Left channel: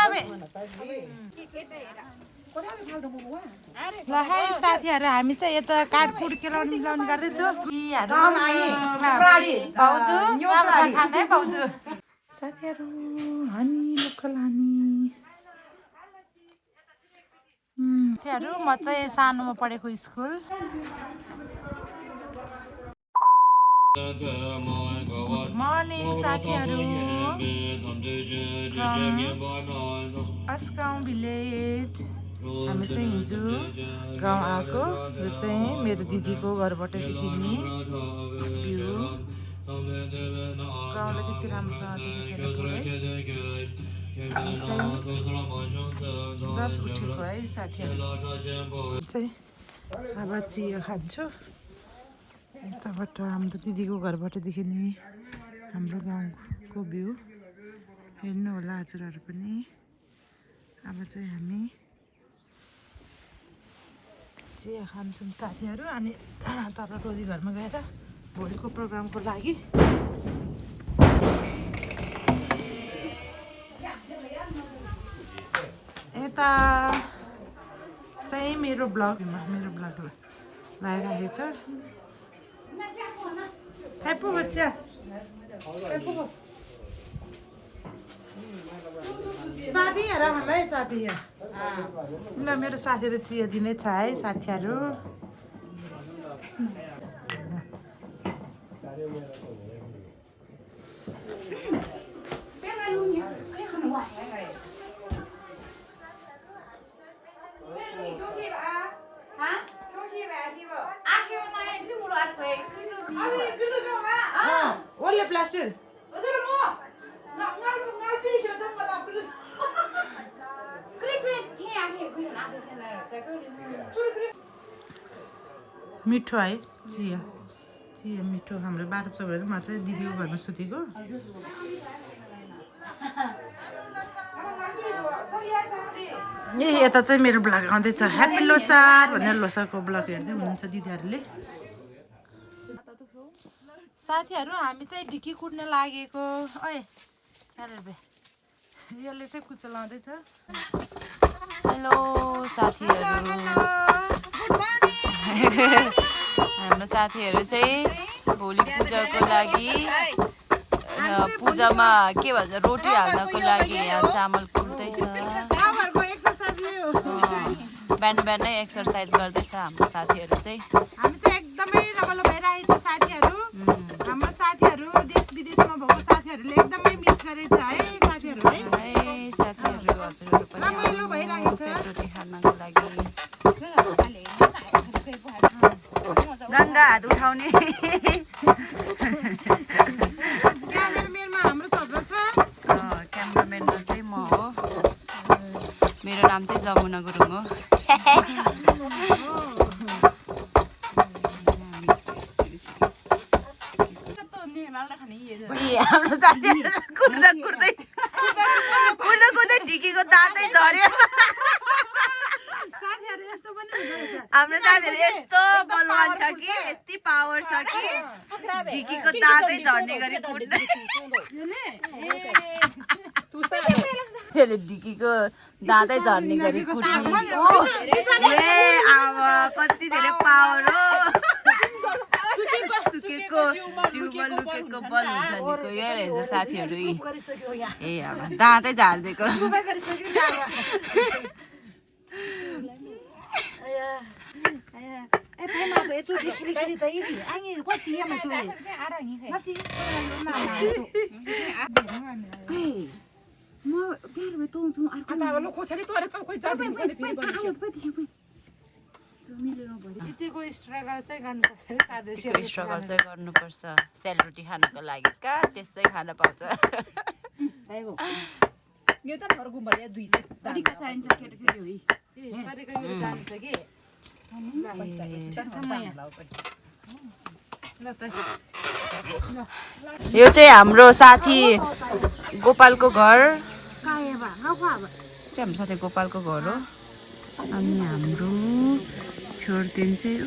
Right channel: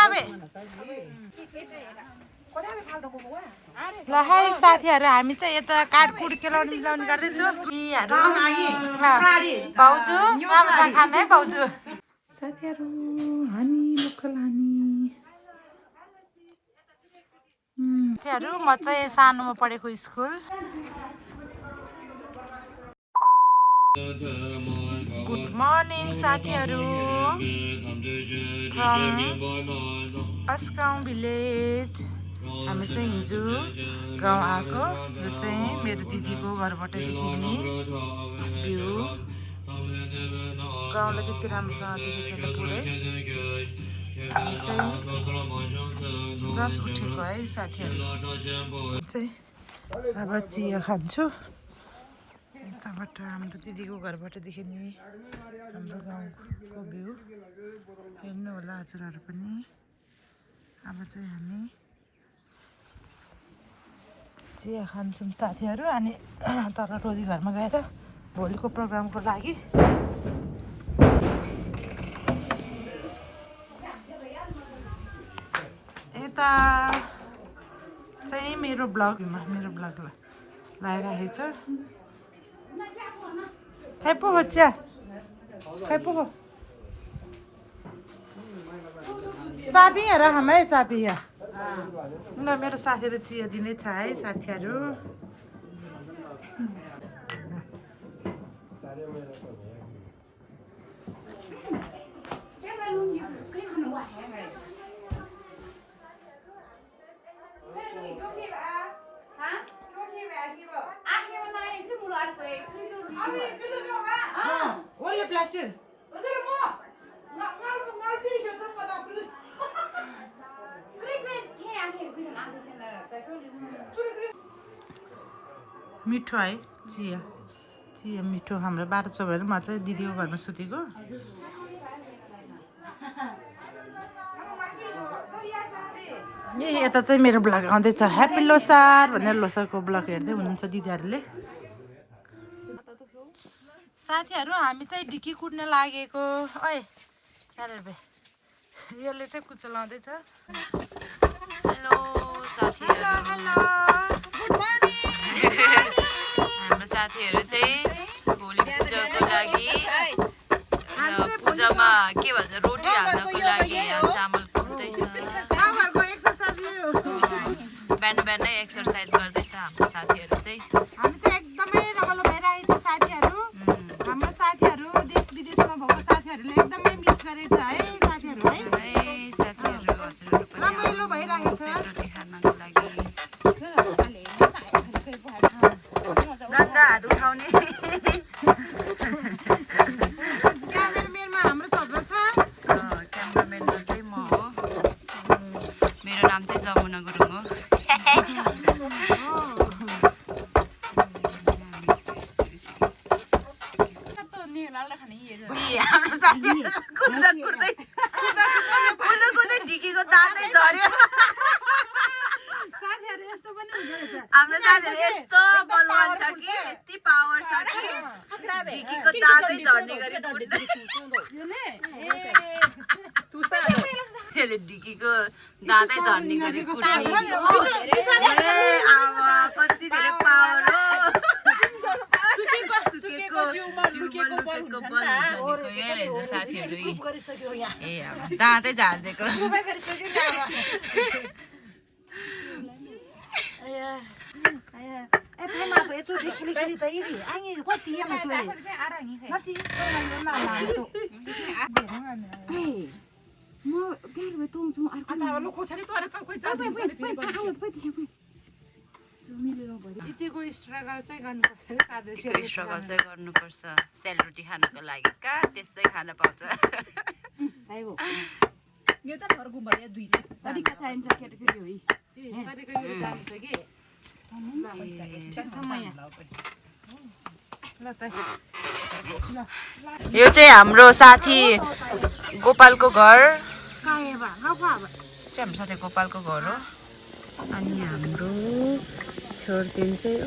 कोनाबे ल है साथीहरु हामी चाहिँ यता काटकुट केलाउनी मिलाउनी गर्दैछौँ यीहरु भाउजू राम्रोसँग खानु है भाउजू साथीहरु हनी लोकल हनी साथीहरु म चाहिँ सानोमा पढेको स्कुल गुड मर्निङ साथीहरु फ्रम अस्काउँ भिलेज हामी चाहिँ हिजो गाउँ आएको यो चाहिँ मेरो दिदीको घरबाट देखिने भ्यू गाउँलाई त्यति राम्रोसँग देखेको छैन पुरै हामी चाहिँ जस्ट उठेको है साथीहरु चाहिँ अब चिया खान्छु यताबाट हाम्रो दिदीको घरबाट देखिने हाम्रो गाउँको भ्यू हेर्नु होला हजुरहरु पनि अब चाहिँ हामी चिया खान्छौँ साथीहरु अनि तल टोली घरमा गएर भोलिको प्रोग्रामको लागि यता चाहिँ मेरो ब्लगमा मेरो ब्लग लगाइराखेको छ खाइ पो चिया खाइ पो चाबी हेर हमै चाबी ल मेरो साथीहरु चिया दिने छ है साथीहरु ओले प्लास्टर मिठो है चिया चिया मिठो हाम्रो 12 चौबहरू म चाहिँ दिदीको घरमा सुतेको यता चाहिँ मेरो ब्लग आउँदैछ ह्याप्पी लोसार भनेर लोसारको ब्लग हेर्दै हुनुहुन्छ दिदीहरूले साथीहरु हामी चाहिँ ढिकी कुट्न लागेको ओए अरे यसले चाहिँ कुचो लाउँदैछ हेलो साथीहरु गुड मर्निङ हाम्रो साथीहरु चाहिँ भोलि पूजाको लागि पूजामा के भन्छ रोटी हाल्नको लागि यहाँ चामल कुट्दैछ बिहान बिहानै एक्सर्साइज गर्दैछ हाम्रो साथीहरु चाहिँ हामी चाहिँ एकदमै रमाइलो भइरहेको छ साथीहरु हाम्रो साथीहरु देश विदेशमा भएको साथीहरुले एकदमै मिस गरेछ है साथीहरु है साथीहरु हजुरहरु पनि रमाइलो भइरहेको छ रोटी खानको लागि गंगा हात उठाउने क्यामेराम्यानमा हाम्रो थप्रो छ क्यामेराम्यानमा चाहिँ म हो मेरो नाम चाहिँ जमुना गुरुङ हो ढिकीको दाँतै झर्यो हाम्रो साथीहरु यस्तो बलवान छ कि यति पावर छ कि ढिकीको दाँतै झर्ने गरी त्यसले ढिकीको दाँतै झर्ने गरी कुट्ने कति धेरै पावर हो साथीहरु ए अब दाँतै झार्दिएको स्ट्रगल चाहिँ गर्नुपर्छ सेलरोटी खानको लागि का त्यसै खान पाउँछ यो त घर गुम्बा 200 तरिका चाहिन्छ केटाकेटी होई तरिका यो जान्छ के यो चाहिँ हाम्रो साथी गोपालको घर चाहिँ हाम्रो साथी गोपालको घर हो अनि हाम्रो छोर्तेन चाहिँ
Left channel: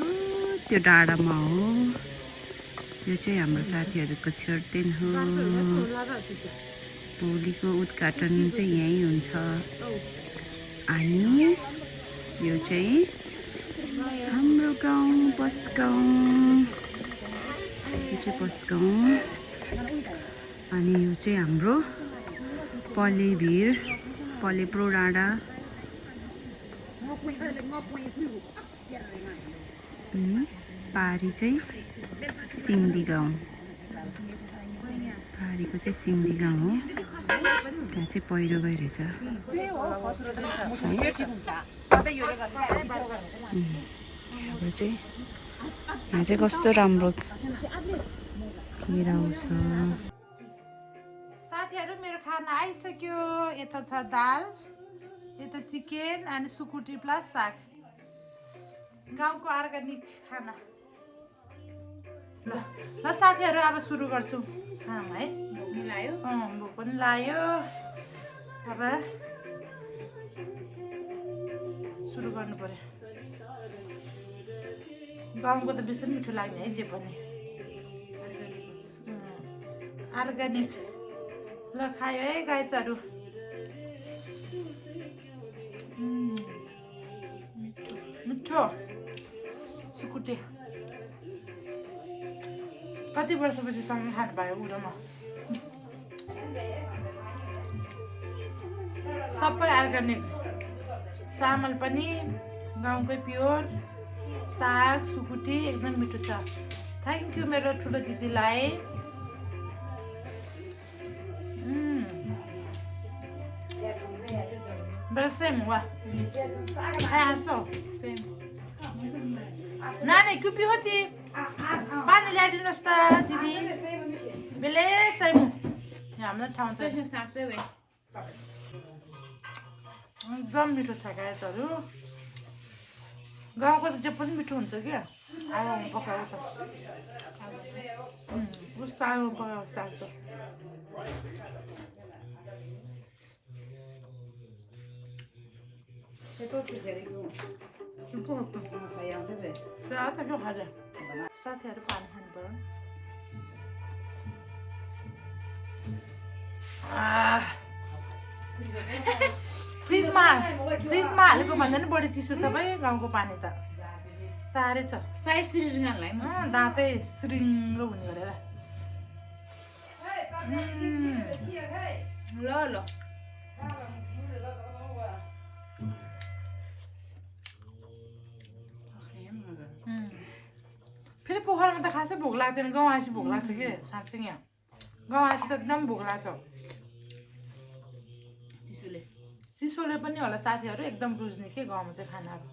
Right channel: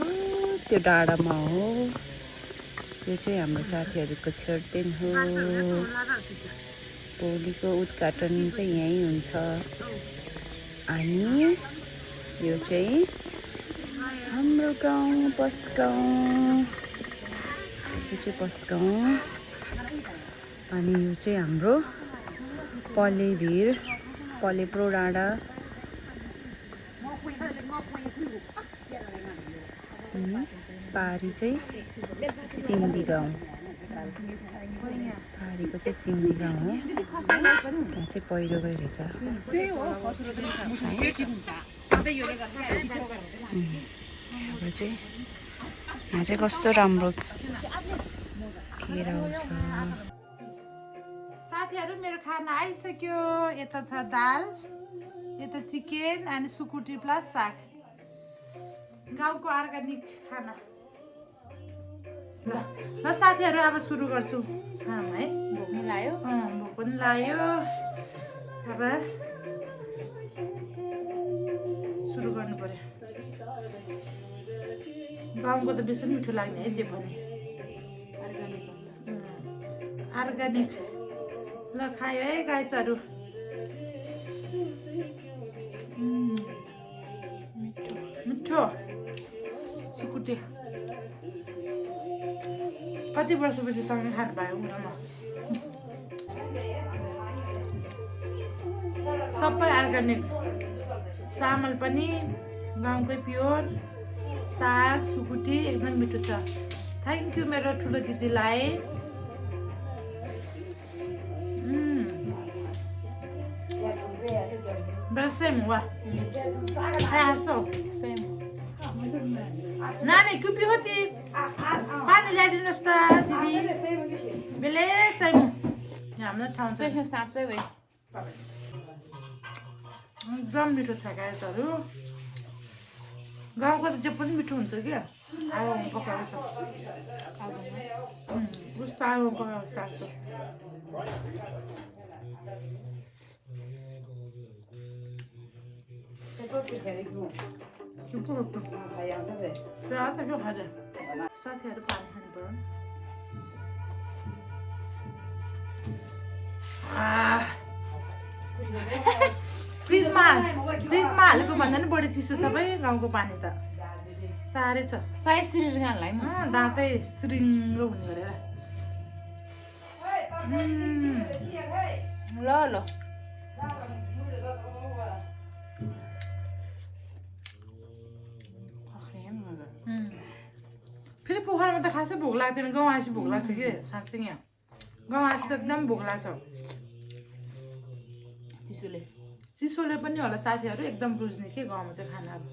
त्यो डाँडामा हो त्यो चाहिँ हाम्रो साथीहरुको छोर्तेन हो भोलिको उद्घाटन चाहिँ यहीँ हुन्छ अनि यो चाहिँ हाम्रो गाउँ बसगाउँ यो चाहिँ बसगाउँ अनि यो चाहिँ हाम्रो पल्लेभिर पल्लेप्रो डाँडा पारी चाहिँ सिन्दी गाउँ पारीको चाहिँ सिन्दी गाउँ हो त्यहाँ चाहिँ पहिरो गइरहेछ यहाँबाट चाहिँ यहाँ चाहिँ कस्तो राम्रो आउँछ साथीहरु मेरो खाना आइसक्यो यता छ दाल यता चिकन अनि सुकुटी प्लस साग गाउँको अर्गानिक खाना ल साथीहरु अब सुरु गर्छु खाम है भोक पनि लाग्यो भोक पनि लाग्यो अब सुरु गर्नु पर्यो गाउँको त बेसी मिठो लाग्ने है जे पनि अर्गानिक ल खायो है गाइजहरु मिठो सुकुटे कति वर्षपछि सँगै खानु पायो उ र म सबै अर्गानिक चामल पनि गाउँकै प्योर साग सुकुटी एकदम मिठो छ थ्याङ्क यू मेरो ठुलो दिदीलाई Bersem wah. Hai haso. Nani kupi hoti. Pani ल्याइदिनुस् त दिदी. बेले सैमु. यहाँ हाम्रो ठाउँ छ. साँच्चै भए. एकदम मिठो छ गाइजहरु. गाउँको त जे पनि मिठो हुन्छ के. आगो पकाएको छ. उस्तो आगो पकाएको साग त. साथीहरु पानी खानु पर्यो फ्रिजमा हालेको भन्दा नि बढी चिसो छ भाइ गाउँको पानी त साह्रै छ साइज सिरिङलाई दाँतै सिरिङ्ग हुने गरेर ल ल फेरि पोखरामा त खासै भोक लाग्दैन गाउँ आएपछि भोक लाग्छ कि साँच्चै यहाँ गाउँ आएपछि त एकदम भोक लाग्छ चिसोले पनि होला साथीहरु एकदम रुच्ने के गाउँमा चाहिँ खानाहरु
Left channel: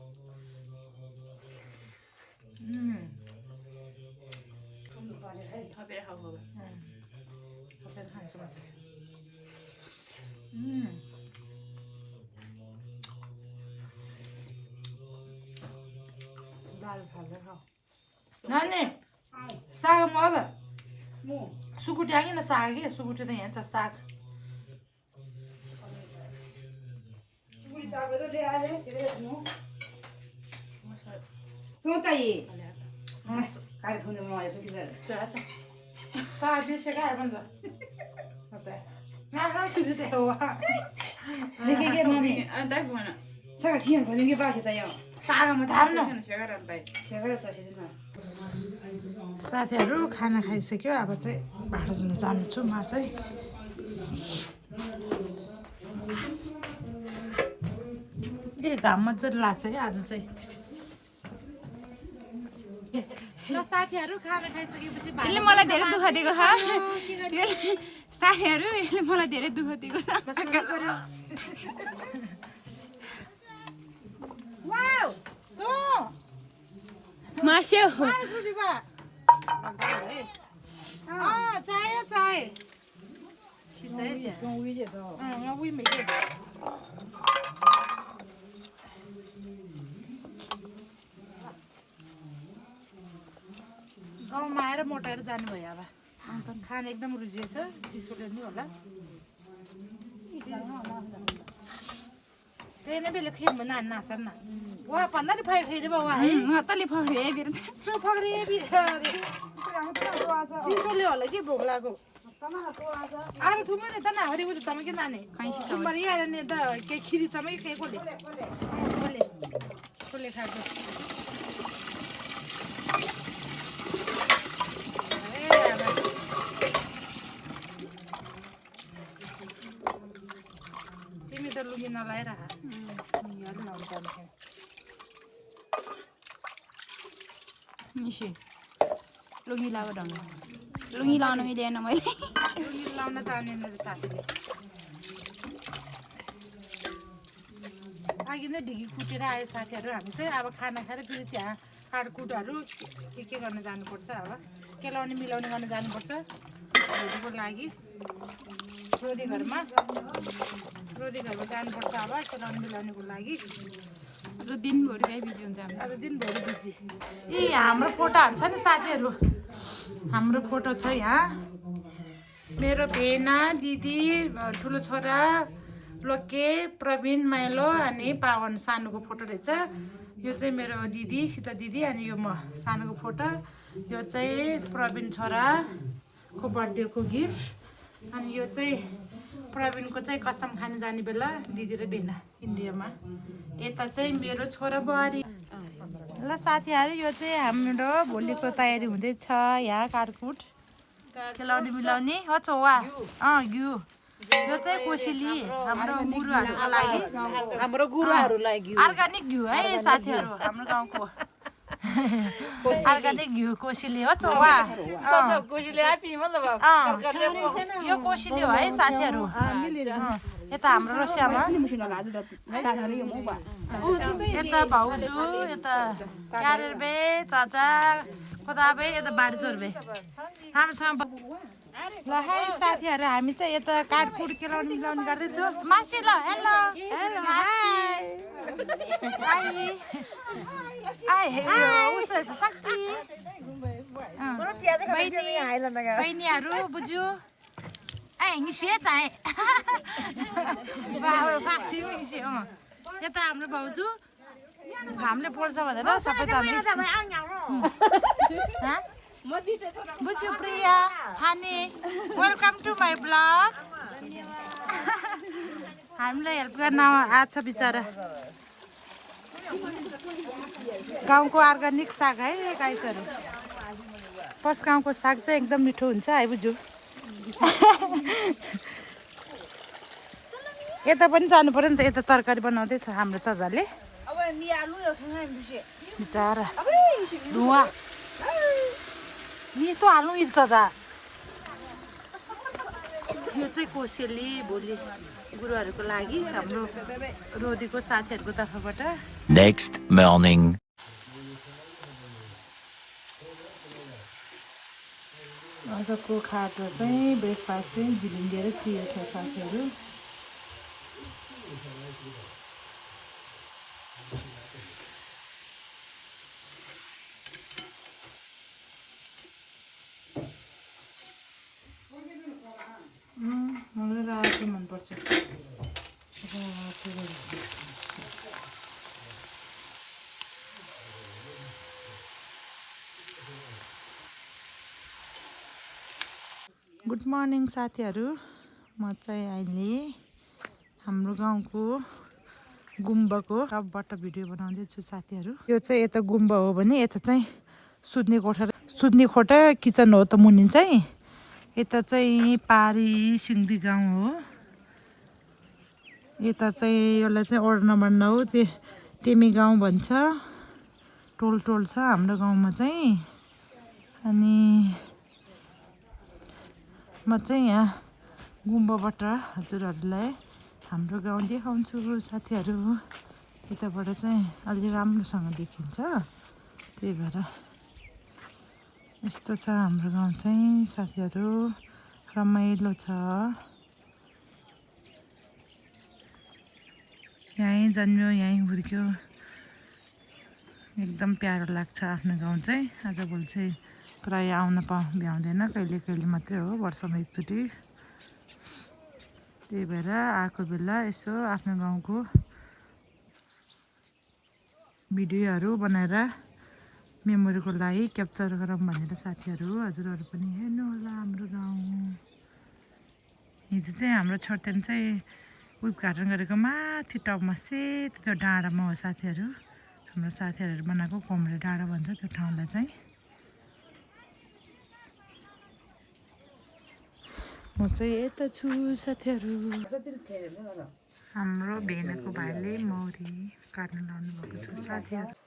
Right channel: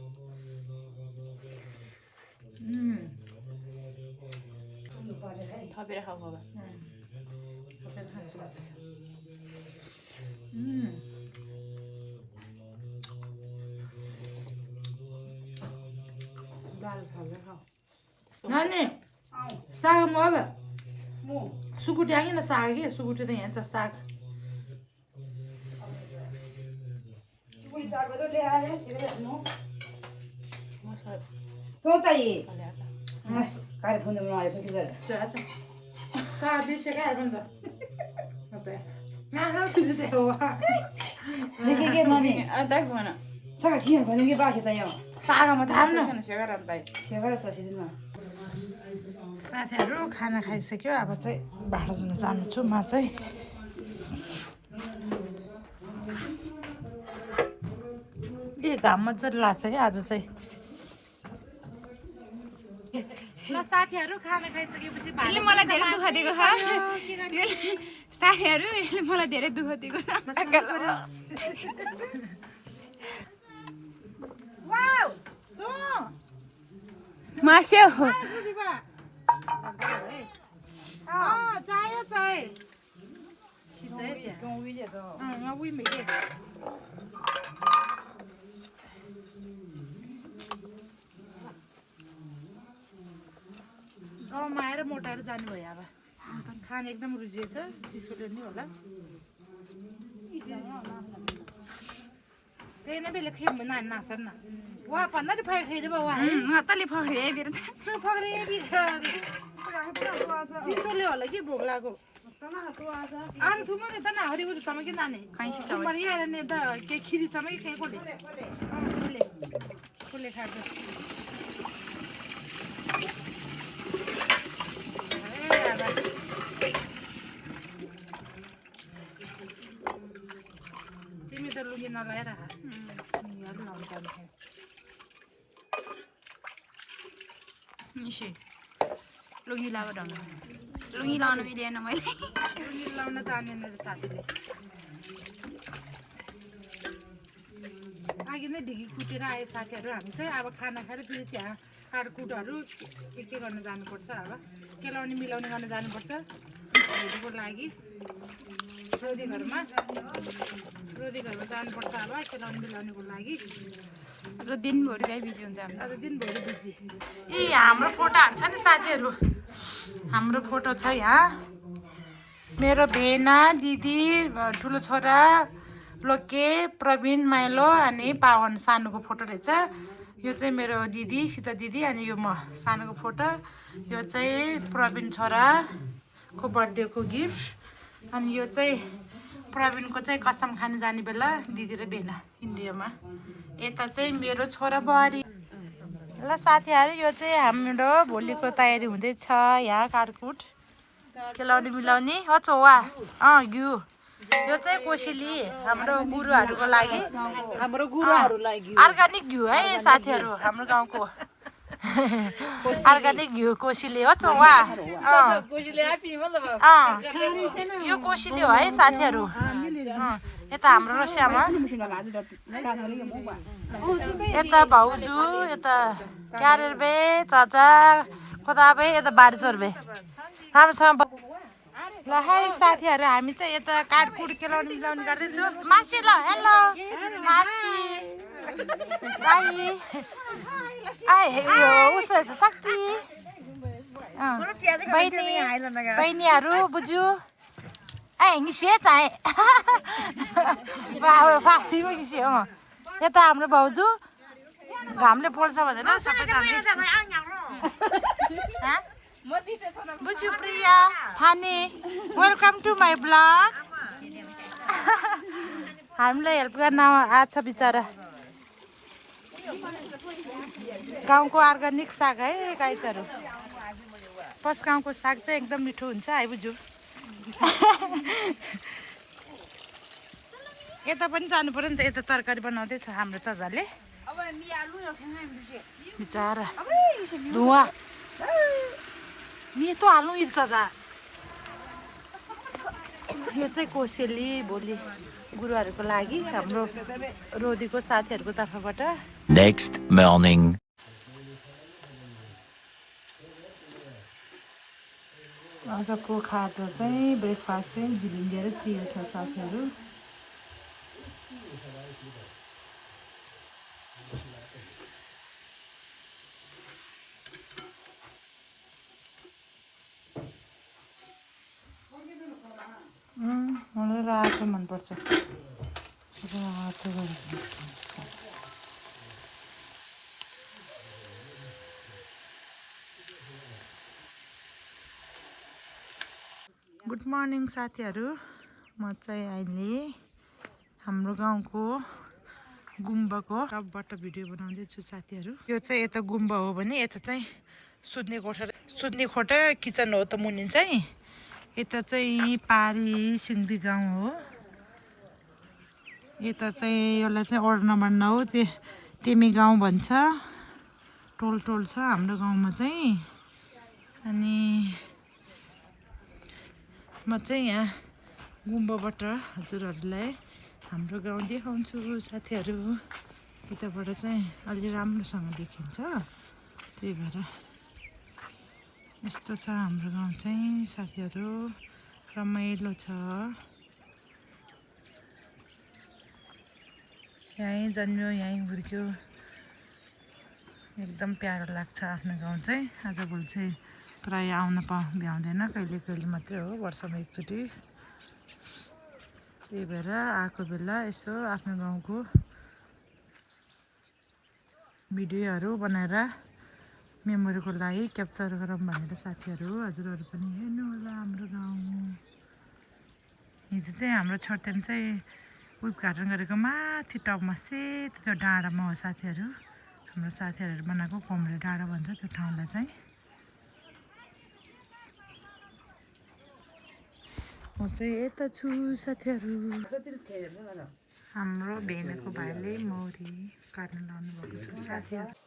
थपेर खाऊ बाबा थपेर खान्छु म दाल थपेर खाऊ नानी साग म अब सुकुटी आएन साग के सुकुटी त यहाँ छ साग साथीहरु खाना खाइसक्यो अब चाहिँ भाडा धुन जानु छु म चाहिँ ए घाम मजाले लाग्छ क्या आज चाहिँ ल साथीहरु खाना खाइसकेपछि यसले मलाई धेरै दुःख दिएको छ साथीहरु यसले मलाई धेरै दुःख दिएको छ वाउ तो मास्यो चाहियो चाहियो खिचाइ त्यहाँ उही मैले गाउँमा आएर मोटाएर जानु भयो अब अन्त खाना एकदम रुचिएछ चिसोले नि होला त्यही नै बेला खेम नानी नासर न वहाँ भन्दा नि फाइ खेरे बाबा तले फक्रे बिर फक्रे चिसोले होला कि भोक लाग्यो अरे तुम ने तना हरि बुझ तम के नाने खैसी छ तुम्हारी यार ने द के खिरी चमै के कोले कोले खा दे तिमी त लुगी नलाएर यार लाउँछ निसे लुङ्गी लगाएको ढङ्ग लुङ्गी लाउन मिलेन मैले लाउन जानेन रे साथीले अघि नै ढिकी कुटेर आए साथीहरू हामी चाहिँ अब खाना खाएर फेरि त्यहाँ काटकुटहरू के गर्न जानुपर्छ अब केलाउने मिलाउने गर्न जानुपर्छ भोलिको लागि रोदी घरमा जानुपर्छ अब केलाउने मिलाउनेको लागि अझ दिनभरि गाई बिजी हुन्छ हामी आज दिनभरि बिजी ए हाम्रो फोटोहरू छ नि साथीहरू हाम्रो फोटो छ यहाँ मेरो भेना दिदी ठुलो छोरा लोके प्रवीण माइलो अनि पावन सानोको फोटो रहेछ यो चाहिँ मेरो दिदी सीता दिदी अनि यो म सानोको फोटो यो चाहिँ प्रवीण छोराको बर्थडेको गिफ्ट अनि यो चाहिँ प्रवीणको चाहिँ कसम खान जाने बेला दिदी र भेना इन्डियामा यता चाहिँ मेरो छोरा बुहारी ल साथीहरू यो चाहिँ हाम्रो भोलिको तयारी हुँदैछ यहाँ काटकुट केलाउने मिलाउने हो चौवा घिउ यो चाहिँ कोसेली हाम्रो गुरुहरूको लागि अर्ग्यानिक घिउ है साथीहरू हाम्रो गाउँको अर्ग्यानिक घिउ कोसेली हो चौवा यो कोसेली हो है साथीहरू यता हाम्रो रसियामा यता भाउजू यता क्यारेर बे चाचा खोदाबे यता बारिसोर बे राम्रोसँग ल है साथीहरू हामी चाहिँ यता काटकुट केलाउने मिलाउने गर्दैछु मासी ल हेलो मासी उसो रहेछ शक्ति बहिनीहरू बुझ्यू हिँसे चाहे हिँसे यता हाम्रो भाउजू घामले पोल्छ भनेर सबैजना बुझ्यू प्रिया थाने वेलकम टु माई ब्लग हामीलाई हेल्प गर्न आएको छ बिचरा गाउँको अर्ग्यानिक साग है गाइसहरू पस गाउँको साग चाहिँ एकदम मिठो हुन्छ है बुझ्यू यता पनि जानु पर्यो नि त यता तरकारी बनाउँदैछ हाम्रो चजाले बिचरा धुवा मिठो हाल्नु यी चजा यो चाहिँ कोसेली भोलि गुरुहरूको लागि हाम्रो रोदीको साथीहरूको तर्फबाट नेक्स्ट मर्निङ आजको खाजा चाहिँ ब्रेकफास्ट चाहिँ झिलिङ्गे र चिया छ साथीहरू मलाई रातो मनपर्छ गुड मर्निङ साथीहरू म चाहिँ अहिले हाम्रो गाउँको गुम्बाको टपबाट भिडियो बनाउँदैछु साथीहरू यो चाहिँ यता गुम्बा हो भने यता चाहिँ सुत्ने कोठा किचन हो त मुनि चाहिँ यता चाहिँ पारी सिङ्दी गाउँ हो यता चाहिँ यसलाई चाहिँ वडा नम्बर 9 तेमी गाउँ भन्छ टोल छ हाम्रो गाउँमा चाहिँ अनि म चाहिँ यहाँ गुम्बाबाट हजुरहरूलाई हाम्रो गाउँ देखाउँछु साथीहरू यताबाट चाहिँ अलि राम्रोसँग देखिन्छ त्यही भएर यस्तो छ हाम्रो गाउँ चाहिँ साथीहरू रमाइलो छ यहीँ जन्म्यो यहीँ हुर्क्यो एकदम प्यारो लाग्छ आफ्नो गाउँ चाहिँ आजभोलि चाहिँ प्रायः आउन भ्याउँदैन कहिले मात्रै हो वर्षमा एकचोटि त्यही भएर आएको बेला यसो आफ्नो गाउँको भिडियोहरू बनाएर मेमोरीको लागि क्याप्चर गरौँ भनेर साथीहरू हजुरहरू पनि हेर्नु होला हाम्रो गाउँ हिजो चाहिँ हाम्रो छोर्तेन चाहिँ उद्घाटन गरेको माथि टपमा सेतो त्यो डाँडामा हो साथीहरू। हाम्रो साथीहरूले बनाएको कोमरे डाँडा भन्छ त्यो ठाउँलाई चाहिँ। म चाहिँ यता छु साथीहरू। हाम्रो भेनाको भाइले मौरी काट्न लानु भएको छ साथीहरू।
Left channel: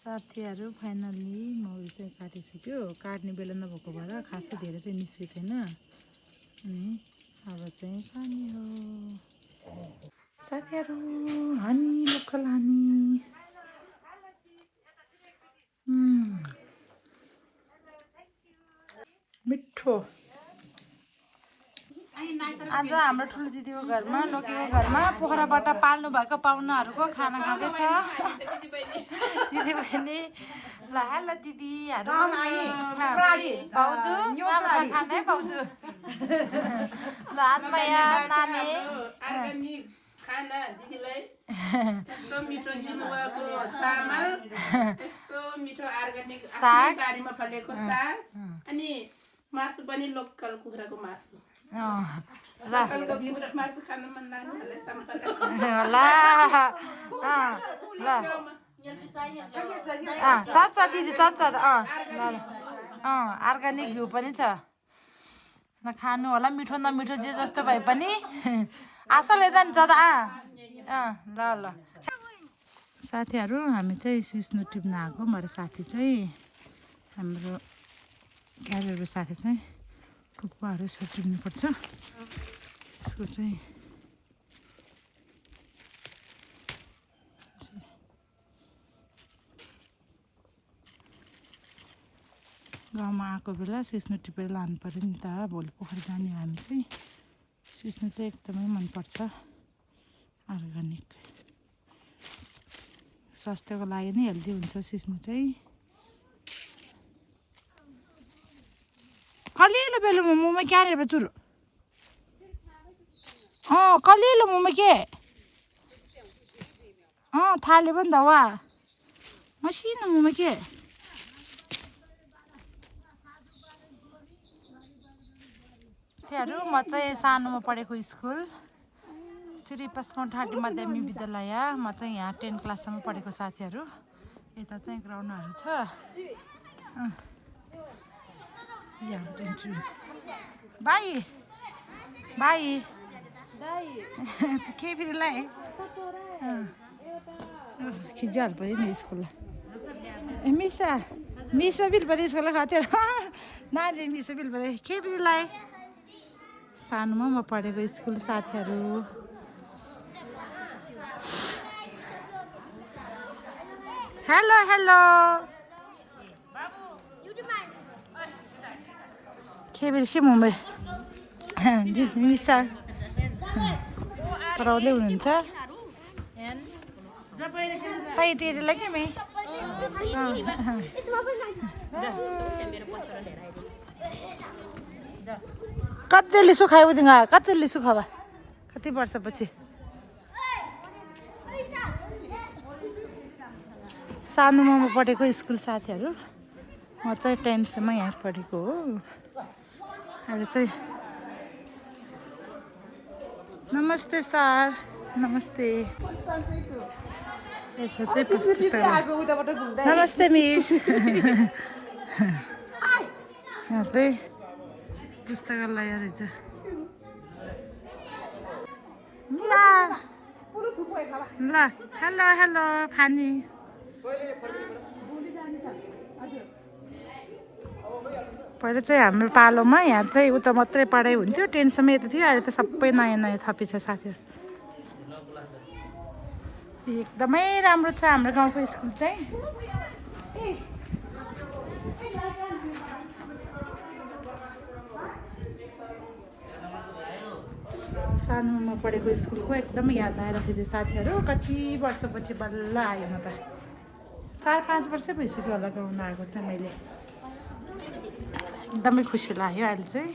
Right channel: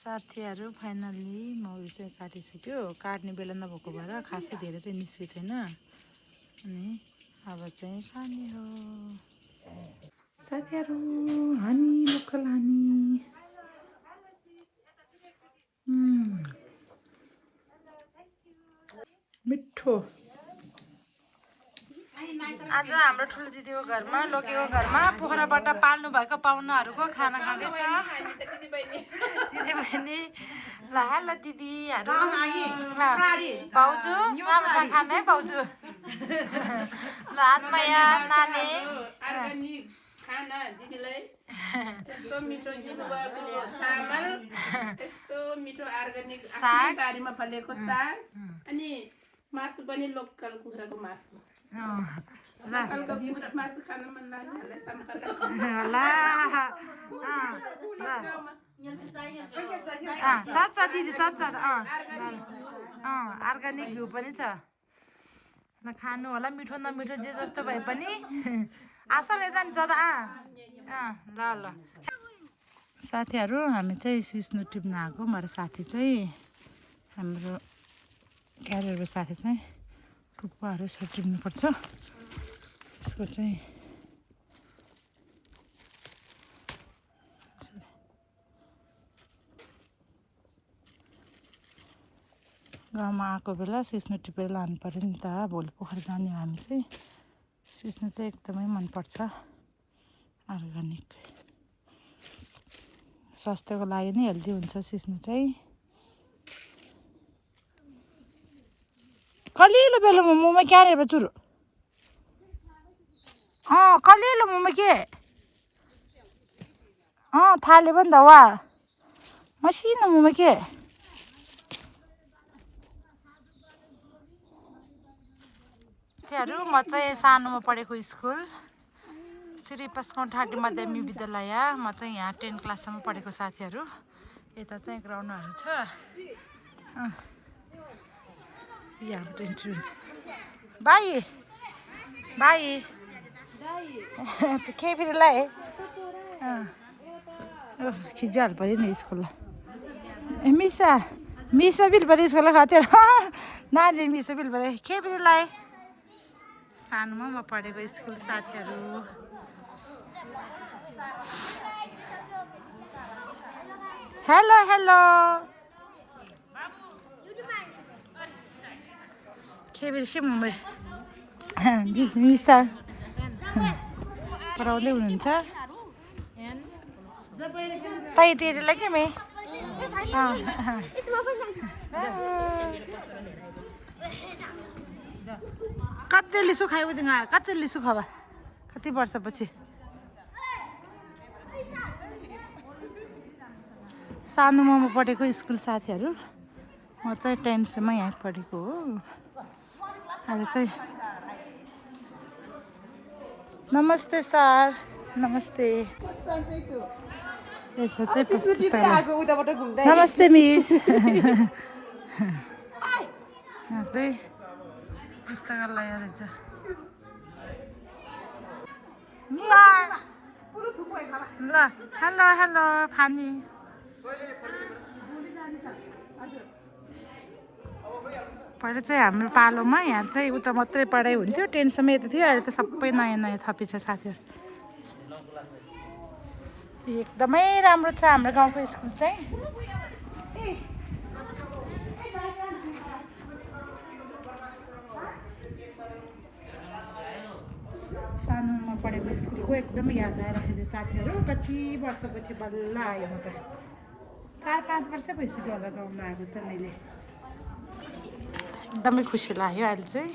साथीहरू फाइनल्ली मौरी चाहिँ काटिसक्यो। काट्ने बेला नभएको भएर खासै धेरै चाहिँ निस्केको छैन अनि अब चाहिँ खाने हो साथीहरू। हानी लोकल हानी मिठो। आज हाम्रो ठुलो दिदीको घरमा लोकेको घरमा पोखराबाट पाल्नु भएको पाहुनाहरूको खाना खाँदैछ दिदीबहिनी। ल हेलो दिदीहरू, भाउजू राम्रोसँग खानु है भाउजू। ल आत्माया नानी खाना दिदीलाई यस्तो मिठो दिनुभएको चामल, यस्तो मिठो अर्ग्यानिक आफ्नै बारीमा फलेको साग अनि मासु पनि लोकल कुखुराको मासु। लोकलको कुखुरा मासु खान मन लाग्नेहरूलाई सम्पर्क चच्चा दिदी चच्चा अर्ग्यानिक घिउ पनि छ। ल खानु होला, मिठो नमिठो जे जस्तो भए पनि आशा लिँदा नि ज्यादा ल ल साथीहरू। हामी चाहिँ सिस्नु टिप्न आएको। मेरो साथी चाहिँ हाम्रो क्यारियरको साथी चाहिँ टुप्पाहरू यसो टिप्नुपर्छ। यसको चाहिँ गाउँमा आएको बेला सिस्नु टिपेर लानु पऱ्यो नि त। भोलि पोखरा जाने हो हामी चाहिँ। सिस्नु चाहिँ एकदमै मनपर्छ, अर्ग्यानिक, स्वास्थ्यको लागि नै हेल्दी हुन्छ सिस्नु चाहिँ। कलिलो बेला मोमोमा क्या रे बचुर कलिलो मोमो के थाले पनि त वा मसिनो मोमो के। म चाहिँ सानोमा पढेको स्कुल श्री पस्कौँ ठाटी माध्यमिक विद्यालय। म चाहिँ यहाँ 10 क्लाससम्म पढेको साथीहरू। यता चाहिँ ग्राउन्डहरू छ। यहाँ इन्ट्री हुन्छ। बाई बाई के फेरि लाए खिजाहरू पऱ्यो नि स्कुललाई। मिसा मिसा बिल पऱ्यो स्कुललाई खाथ्यो नानीले मिसा बिल पऱ्यो के फेरि लाए। सानोमा म पढेको स्कुल साथीहरू। हेलो हेलो के बेसी मुम्बई दिदी मिसा पढाउँदै हुनुहुन्छ। तै तेरीलाई के मे कति लिसु खायो उदिङ कति लिसु खावा कति वर्षपछि सानोमा म पढेको स्कुल साथीहरू म चाहिँ 10 सम्म यहाँ पढेको हो अहिले चाहिँ नमस्ते सर नमस्ते नमस्ते मिस यहाँ चाहिँ पुस्तकालय रहेछ ल हेलो हेलो फानी पहिला चाहिँ हाम्रो पालोमा यहाँ चाहिँ उता मात्रै पढाइ हुन्थ्यो 10 सम्म यता थियो अहिले त सबै नयाँ नयाँ थपिन्छ साथीहरू एकदमै राम्रो छ हाम्रो गाउँको स्कुल चाहिँ सानोमा पढेको स्कुलको एकदमै याद आइरहेको थियो साथीहरू कति वर्षपछि बल्ल आयो म त 4-5 वर्ष भइसक्यो होला गाउन आएको चाहिँ मैले एकदमै खुसी लाग्यो अहिले चाहिँ